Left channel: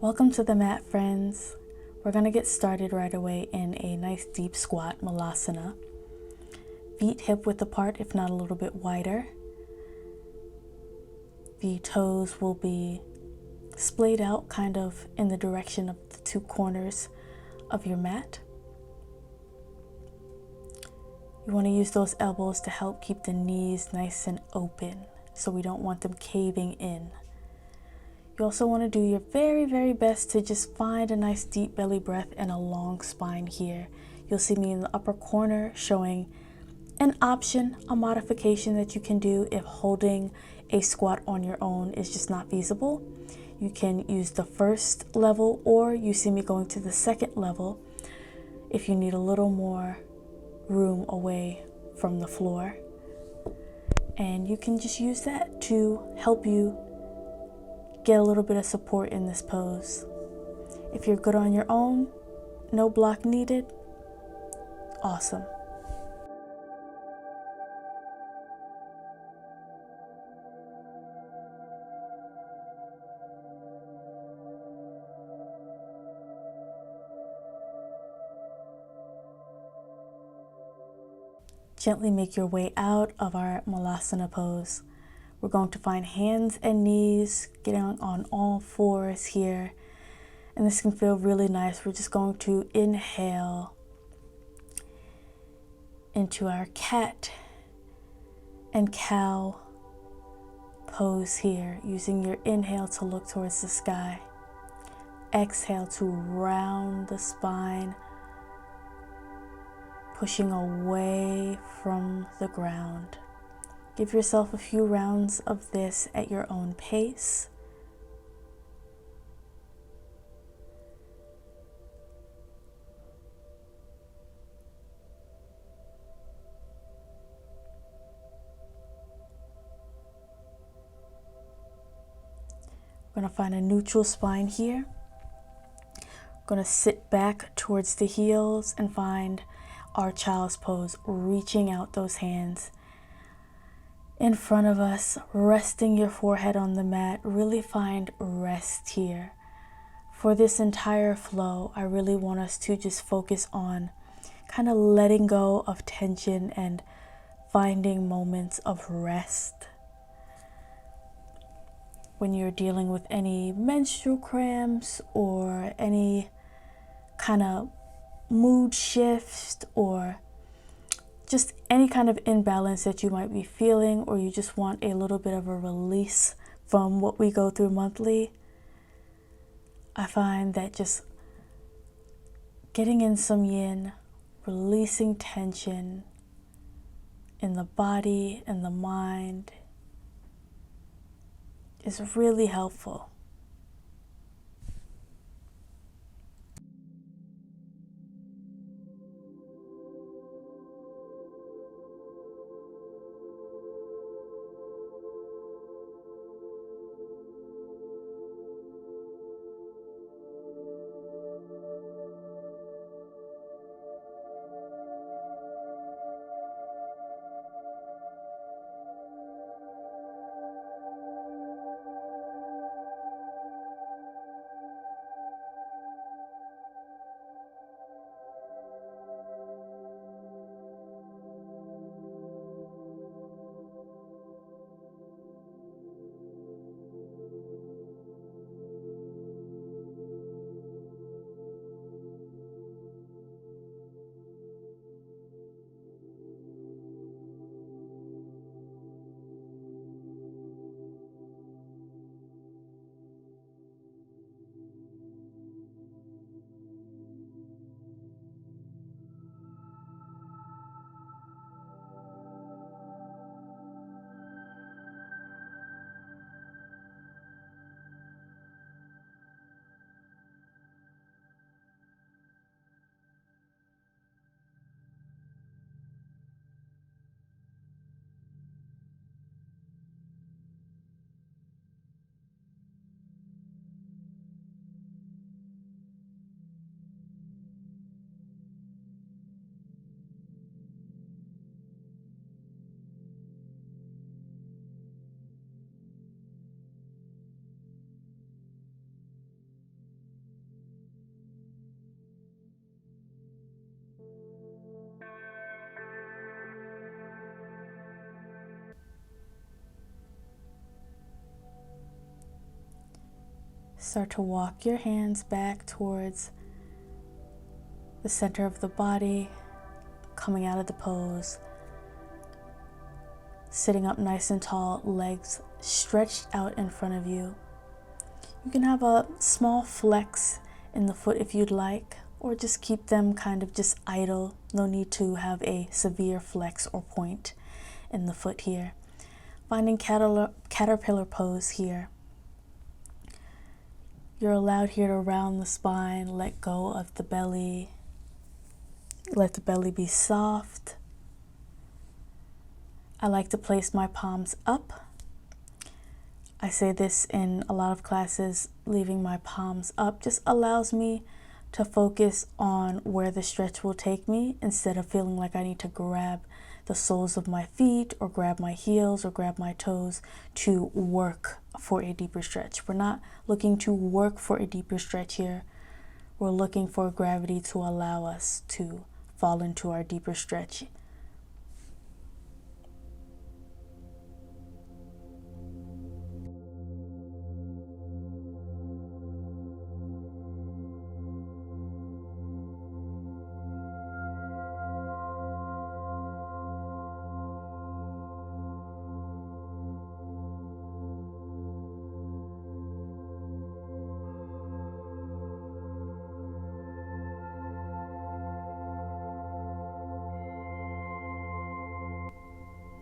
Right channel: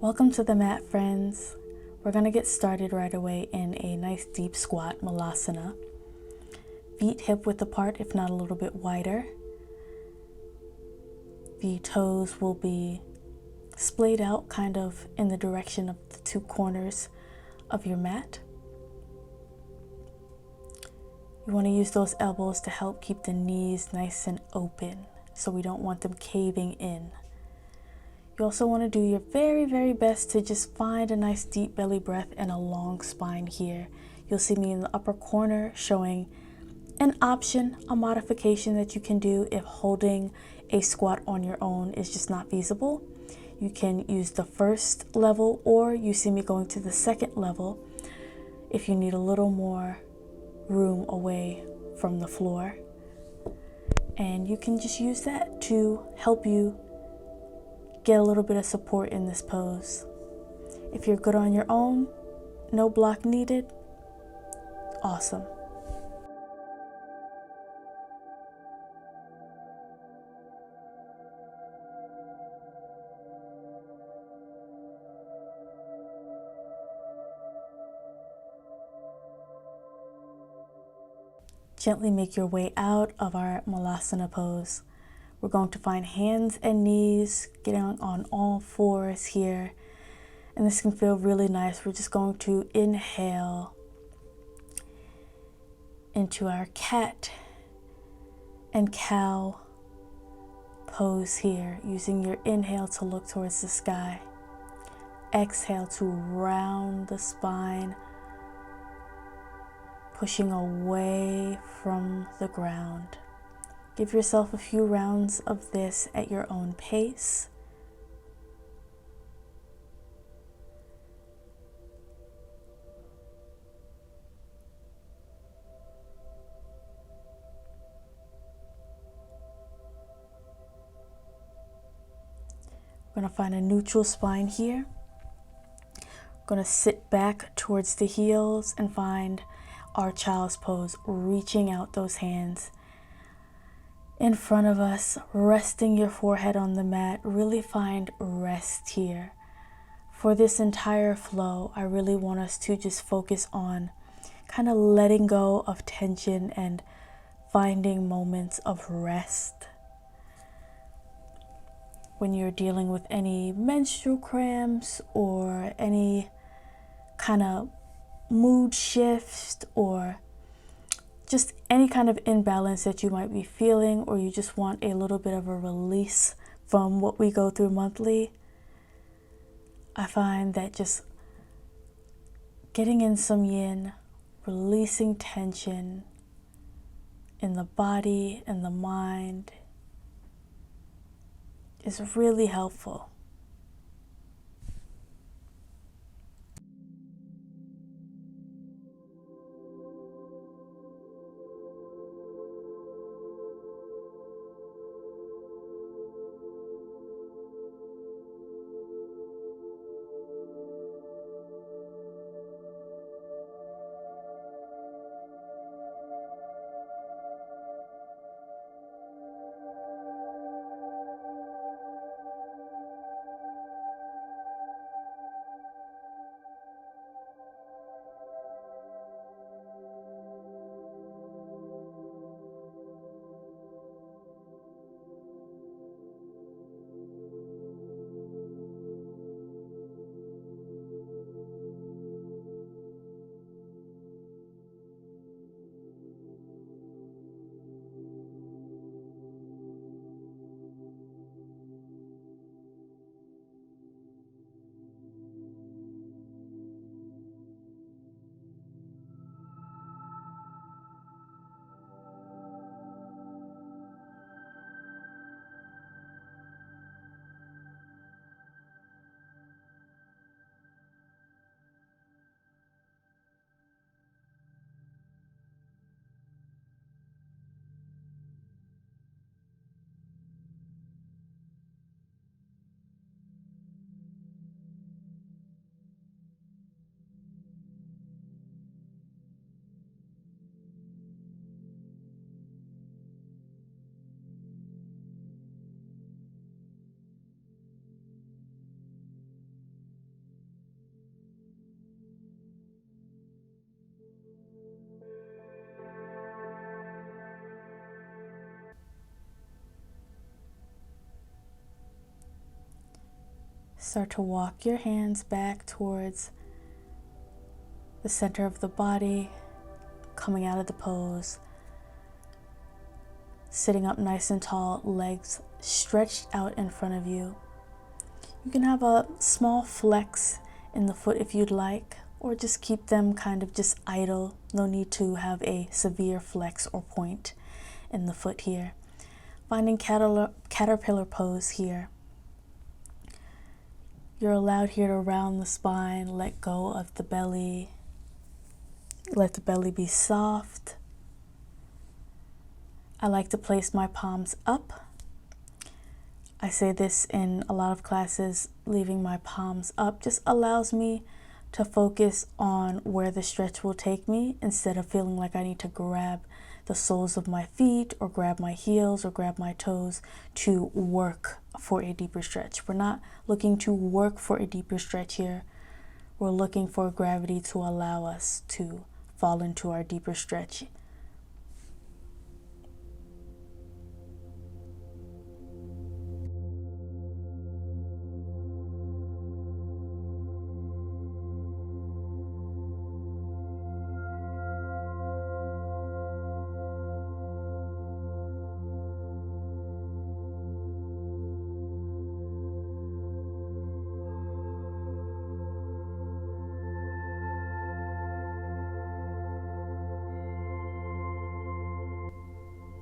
Welcome to the mat, friends. We're going to get started right away in a nice deep squat, malasana. Feet hip width apart, if not a little bit wider. The toes will be splayed out kind of in the direction of the two corners of your mat. You want to use those elbows to help keep the knees nice and open so we don't want them caving in. You also want to do your very, very best to just find a nice deep belly breath and a long spine here. You'll see me in the upper corner showing an option, a modification that you can do if holding a squat on your own is just not feasible. You can use the first level, or you see me going to the second level if you need a little more room away from the floor. And you can just use that to help you get a little bit of support in this pose. If you're good on your own, no block needed, awesome. Gently make your way out of our malasana pose. We're going to find hands and knees, getting on all fours here. And this can feel really nice. We're just going to inhale into our cat and cow pose here, using your inhale to look towards the sky. Exhale to round the spine, pushing away from the ground. Give yourself a few rounds of this at your own pace. We're going to find a neutral spine here. We're going to sit back towards the heels and find our child's pose, reaching out those hands in front of us, resting your forehead on the mat. Really find rest here. For this entire flow, I really want us to just focus on kind of letting go of tension and finding moments of rest. When you're dealing with any menstrual cramps or any kind of mood shift or just any kind of imbalance that you might be feeling, or you just want a little bit of a release from what we go through monthly, I find that just getting in some yin, releasing tension in the body and the mind is really helpful. Start to walk your hands back towards the center of the body, coming out of the pose. Sitting up nice and tall, legs stretched out in front of you. You can have a small flex in the foot if you'd like, or just keep them kind of just idle. No need to have a severe flex or point in the foot here. Finding caterpillar pose here. You're allowed here to round the spine, let go of the belly. Let the belly be soft. I like to place my palms up. I say this in a lot of classes, leaving my palms up just allows me to focus on where the stretch will take me instead of feeling like I need to grab the soles of my feet or grab my heels or grab my toes to work for a deeper stretch. We're not looking to work for a deeper stretch here. We're looking for gravity to allow us to fall into our deeper stretch.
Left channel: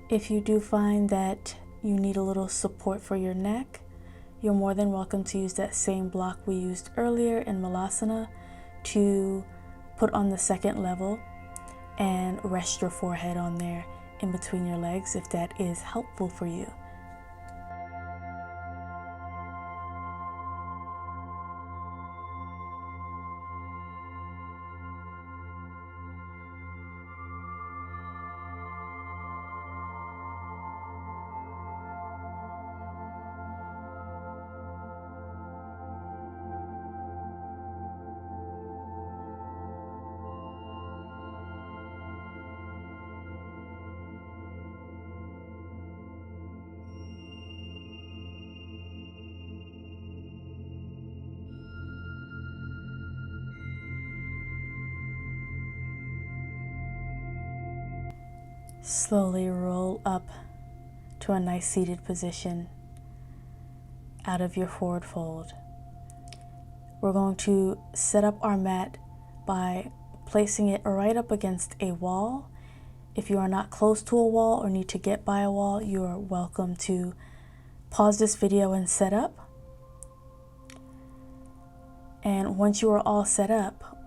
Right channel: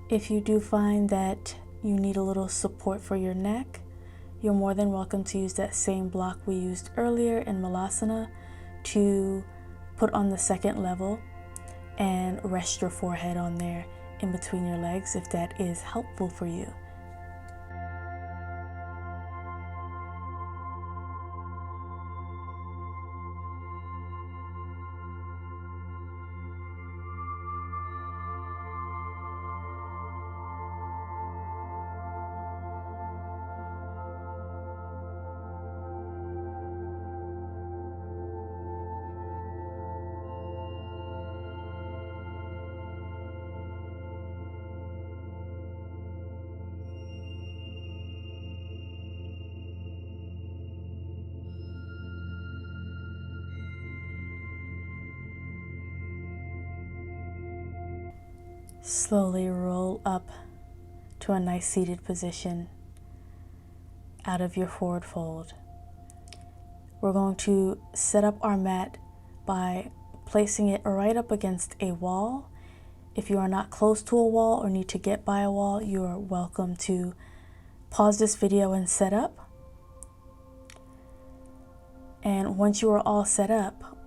If you do find that you need a little support for your neck, you're more than welcome to use that same block we used earlier in Malasana to put on the second level and rest your forehead on there in between your legs if that is helpful for you. Slowly roll up to a nice seated position out of your forward fold. We're going to set up our mat by placing it right up against a wall. If you are not close to a wall or need to get by a wall, you are welcome to pause this video and set up. And once you are all set up,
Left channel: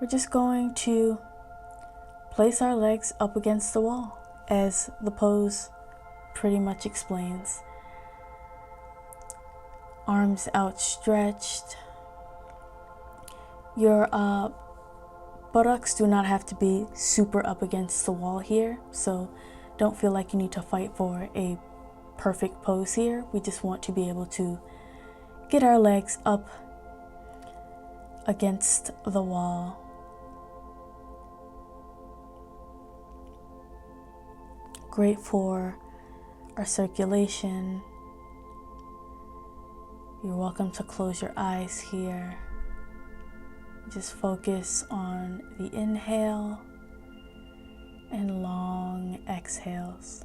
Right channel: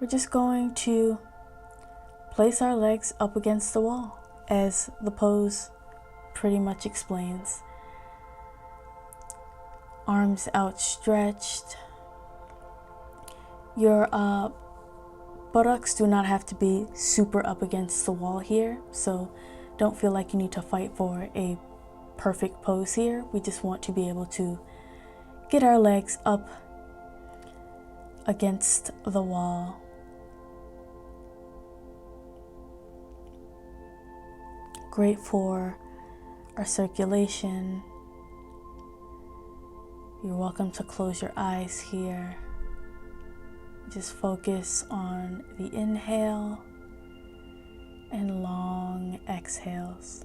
we're just going to place our legs up against the wall, as the pose pretty much explains. Arms outstretched. Your buttocks do not have to be super up against the wall here, so don't feel like you need to fight for a perfect pose here. We just want to be able to get our legs up against the wall. Great for our circulation. You're welcome to close your eyes here. Just focus on the inhale and long exhales.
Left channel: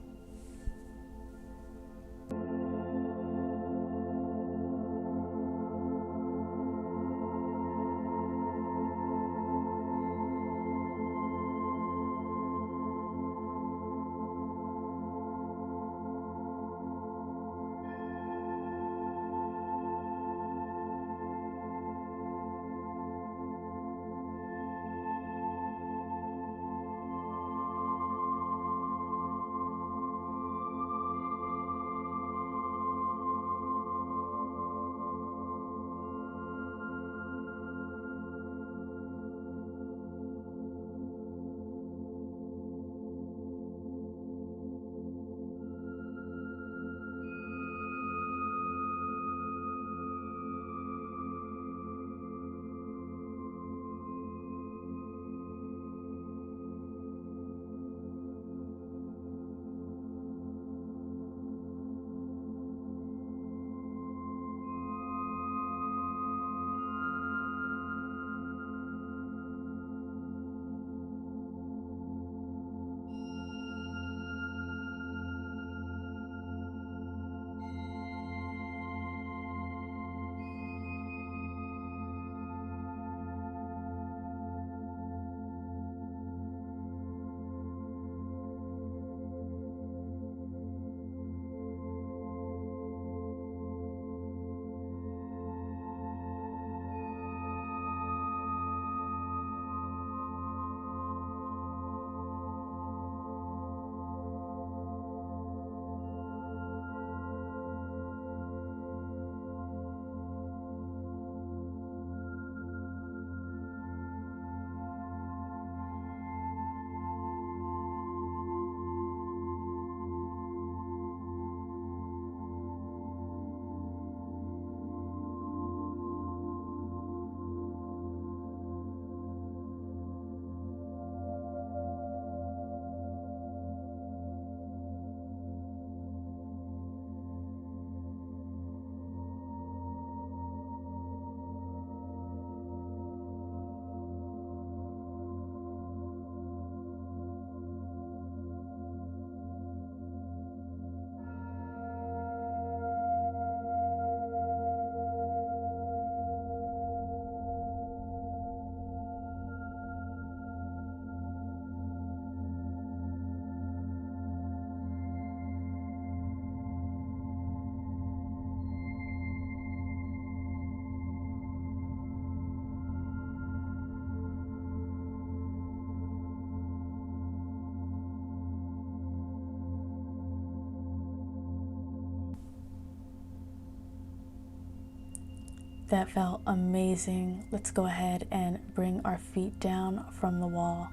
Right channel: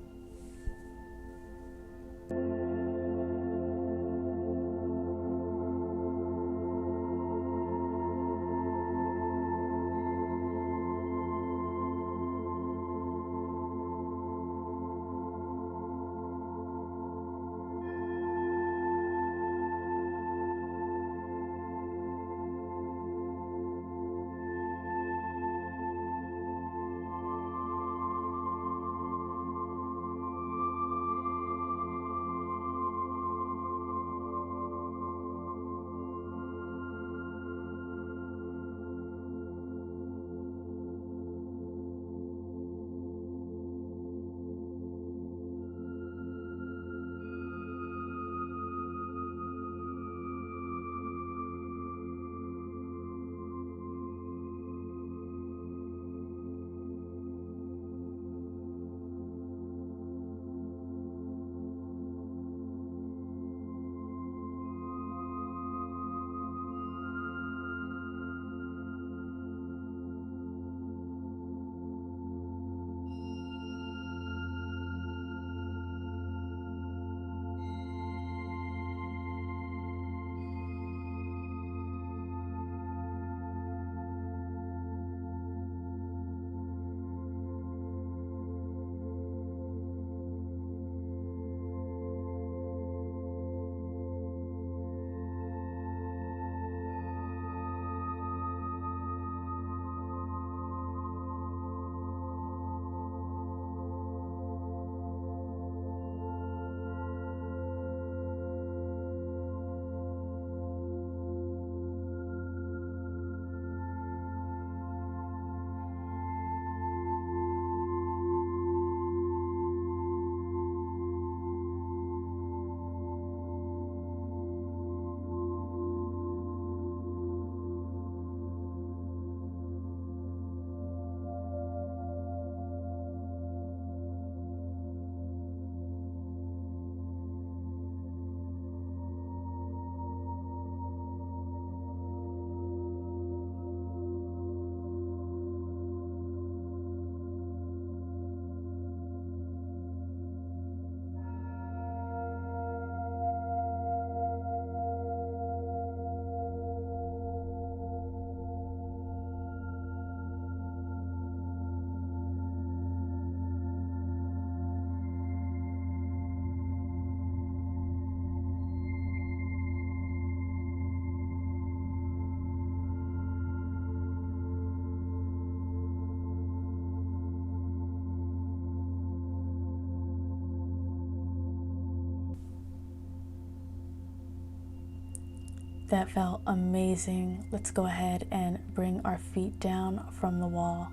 That felt amazing. Let's go ahead and bring our feet down from the wall.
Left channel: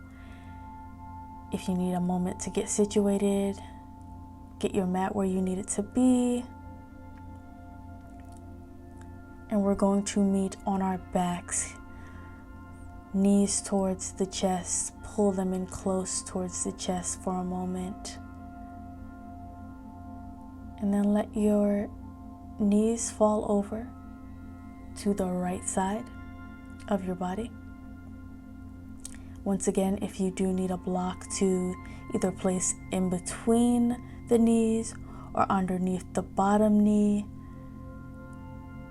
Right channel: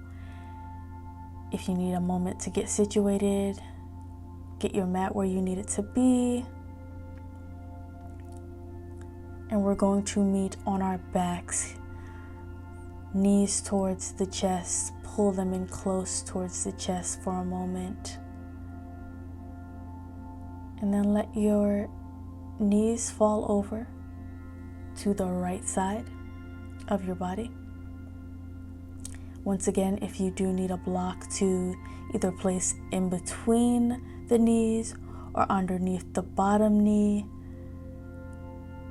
If you need a moment to get situated, get your mat where you need it to be. And we're going to meet on our backs, knees towards the chest. Pull them in close towards the chest for a moment. And then let your knees fall over to the right side of your body. Once again, if you do need a block to either place in between the knees or underneath the bottom knee,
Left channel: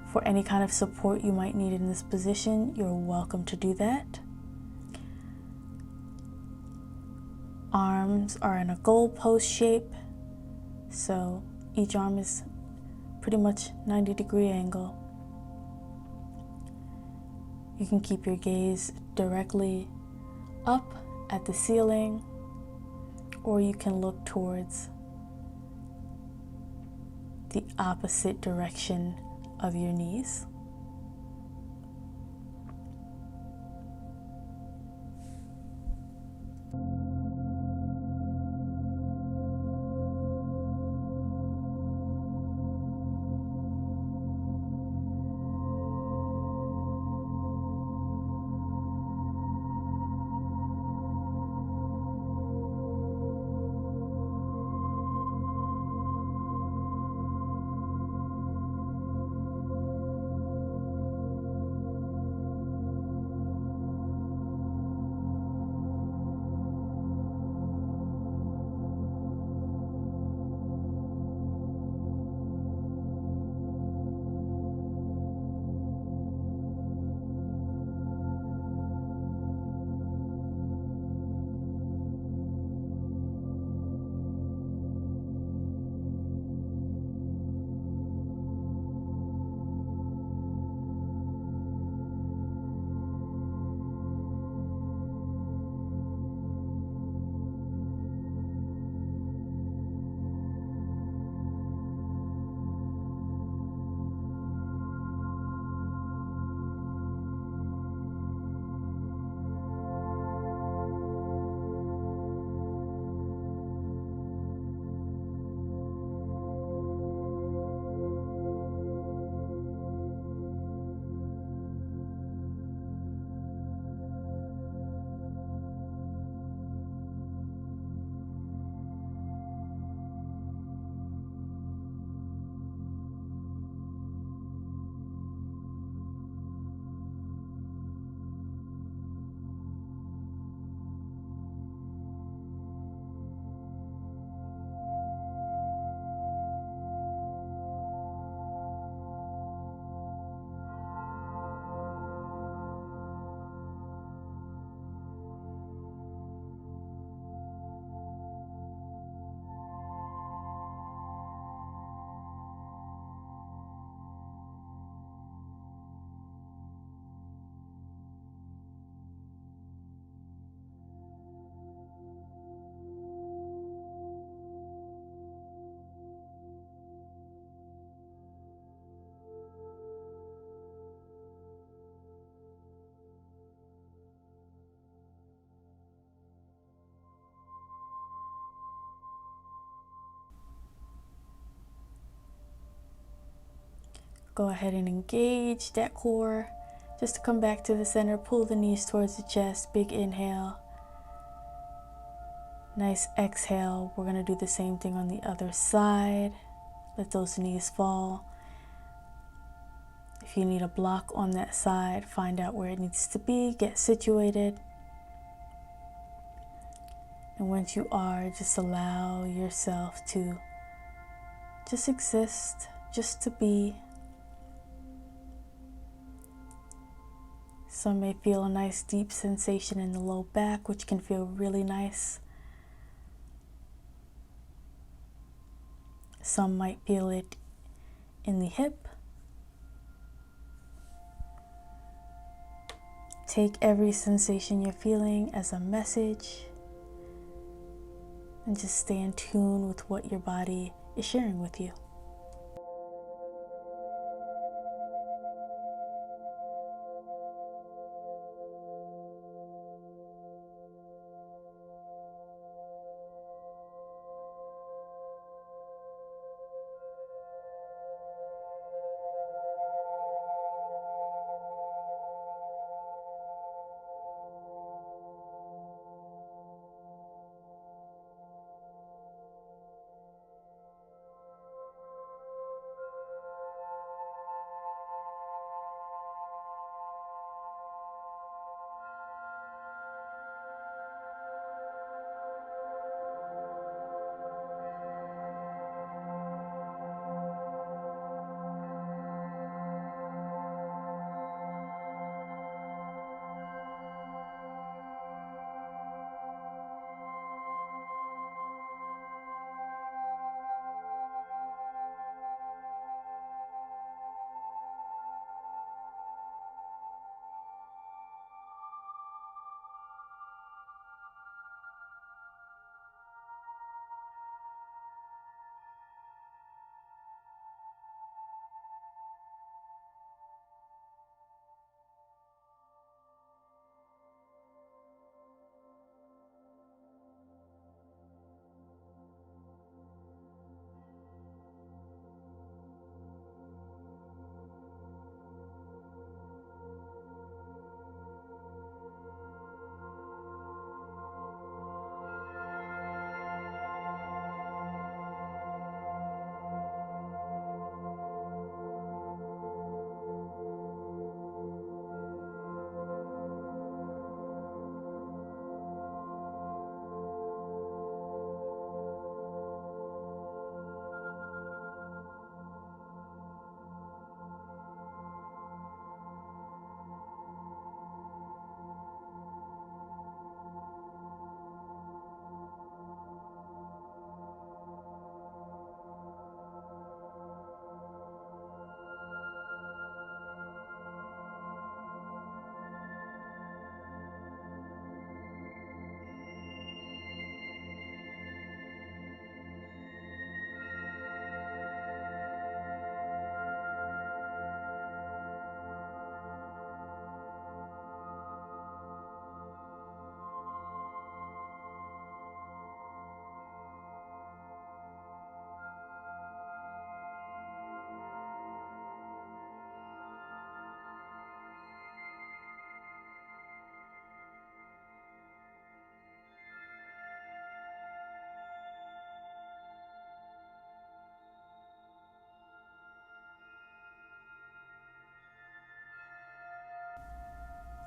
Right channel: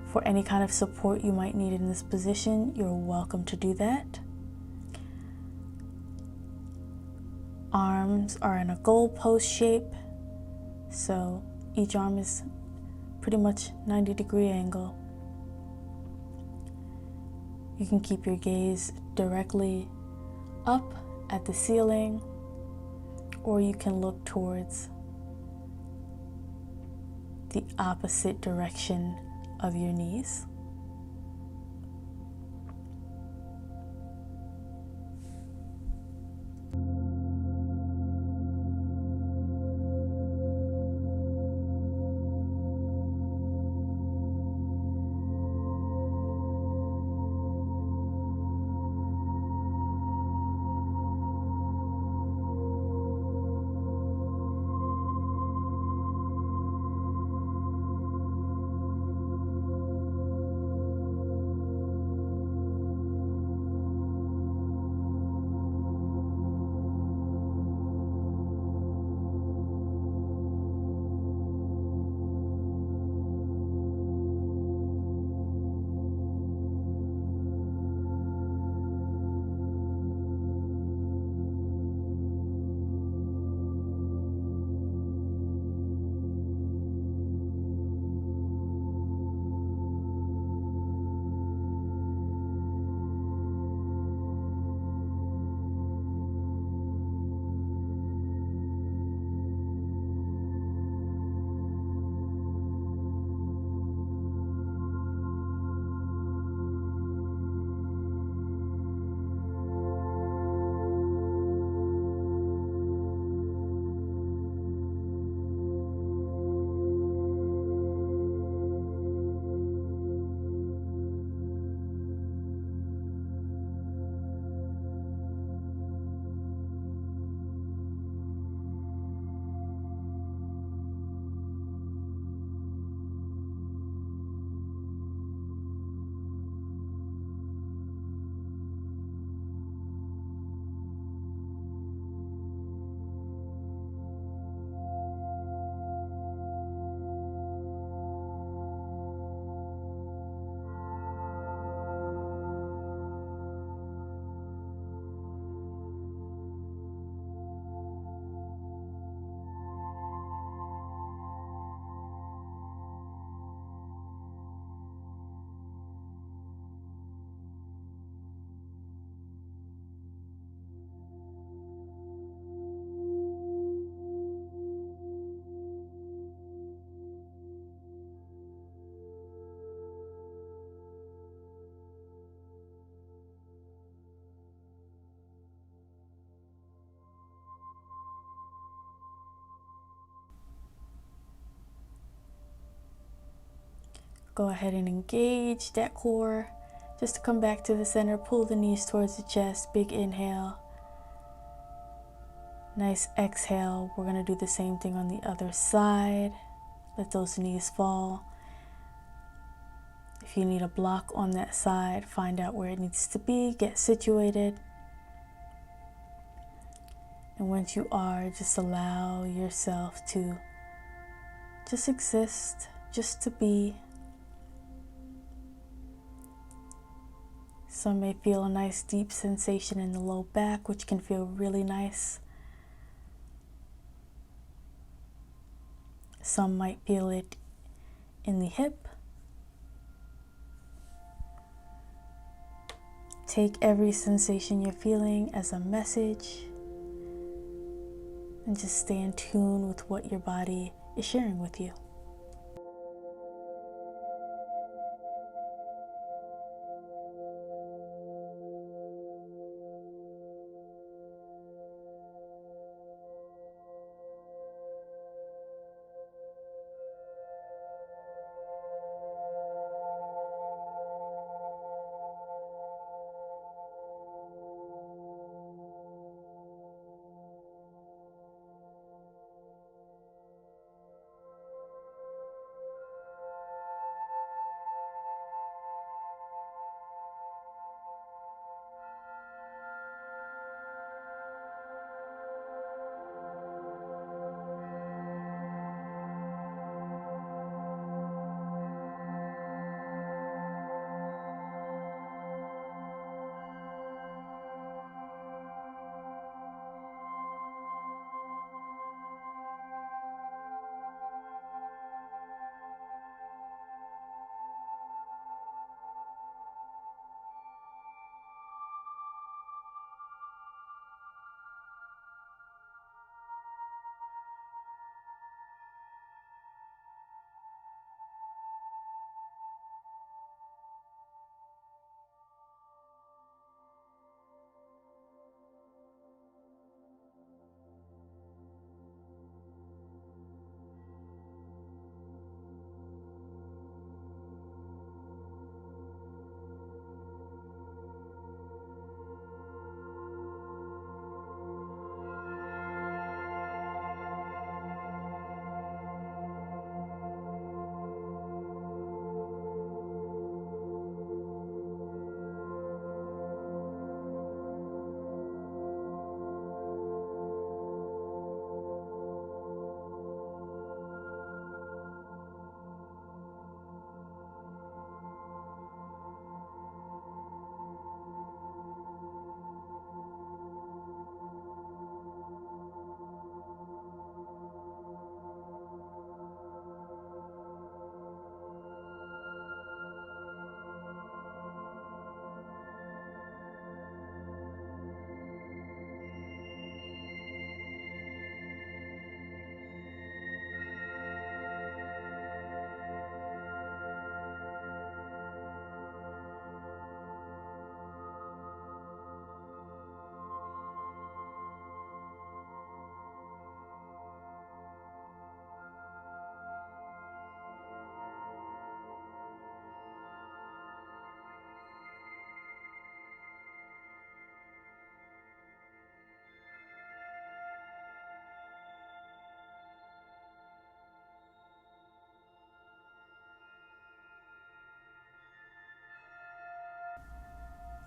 for any kind of support you might need in this position, you're welcome to do that. Arms are in a goalpost shape, so each arm is pretty much 90-degree angle. You can keep your gaze directly up at the ceiling, or you can look towards the opposite direction of your knees. Go ahead and engage that core. Just to come back to the center, pull the knees towards the chest. Big inhale. Nice exhale. We're going to do the same thing on the other side. Let those knees fall. If you need a block on that side, find out where it needs to be. Get situated. And once you are, just allow yourself to just exist, just to be. Some may feel a nice deep sensation in the low back, which can feel really nice. Some might feel it in the hip. Take every sensation you're feeling as a message and just stay in tune with what your body is sharing with you.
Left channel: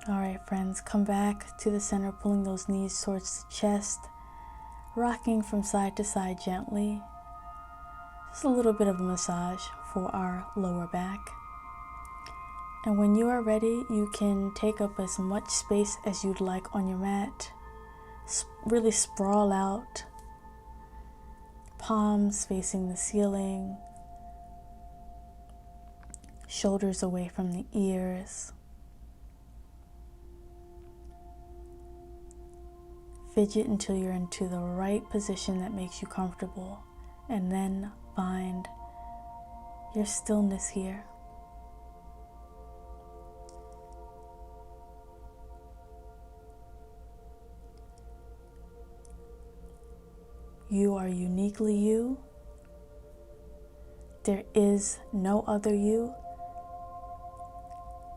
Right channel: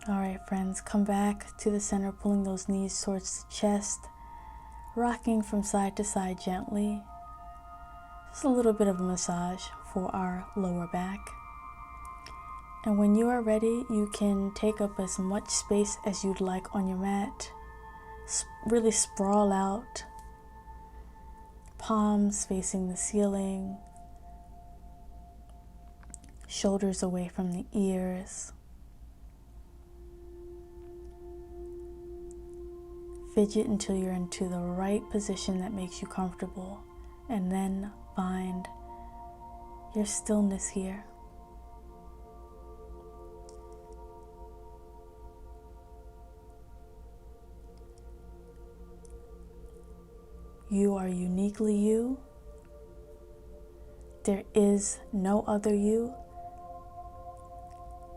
All right, friends, come back to the center, pulling those knees towards the chest, rocking from side to side gently. Just a little bit of a massage for our lower back. And when you are ready, you can take up as much space as you'd like on your mat. Really sprawl out, palms facing the ceiling, shoulders away from the ears. Fidget until you're into the right position that makes you comfortable, and then find your stillness here. You are uniquely you. There is no other you,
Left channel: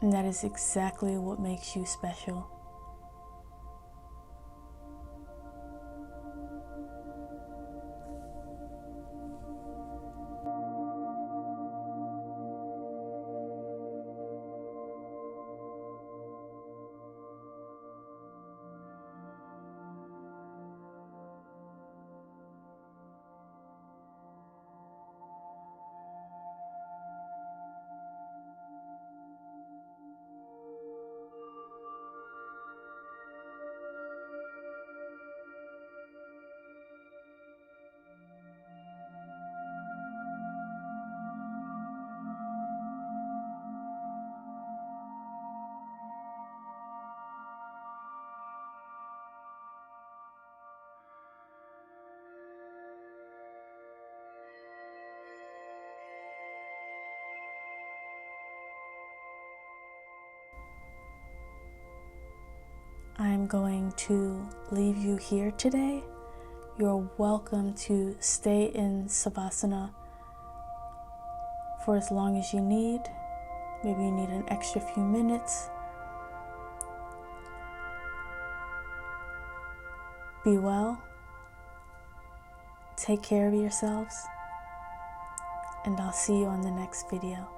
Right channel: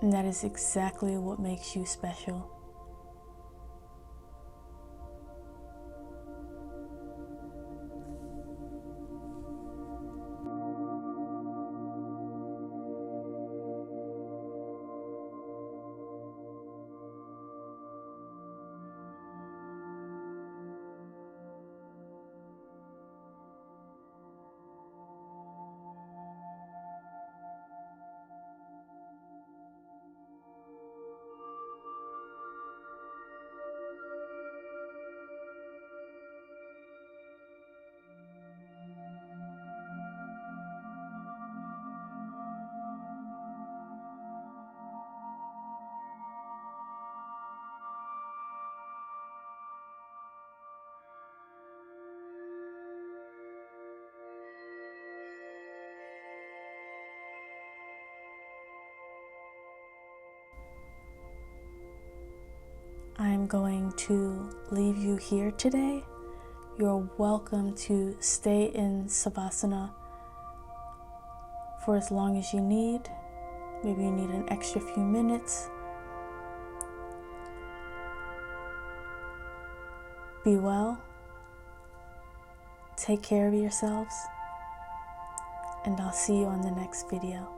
and that is exactly what makes you special. I'm going to leave you here today. You're welcome to stay in Savasana for as long as you need. Maybe you need an extra few minutes. Be well. Take care of yourselves. And I'll see you on the next video.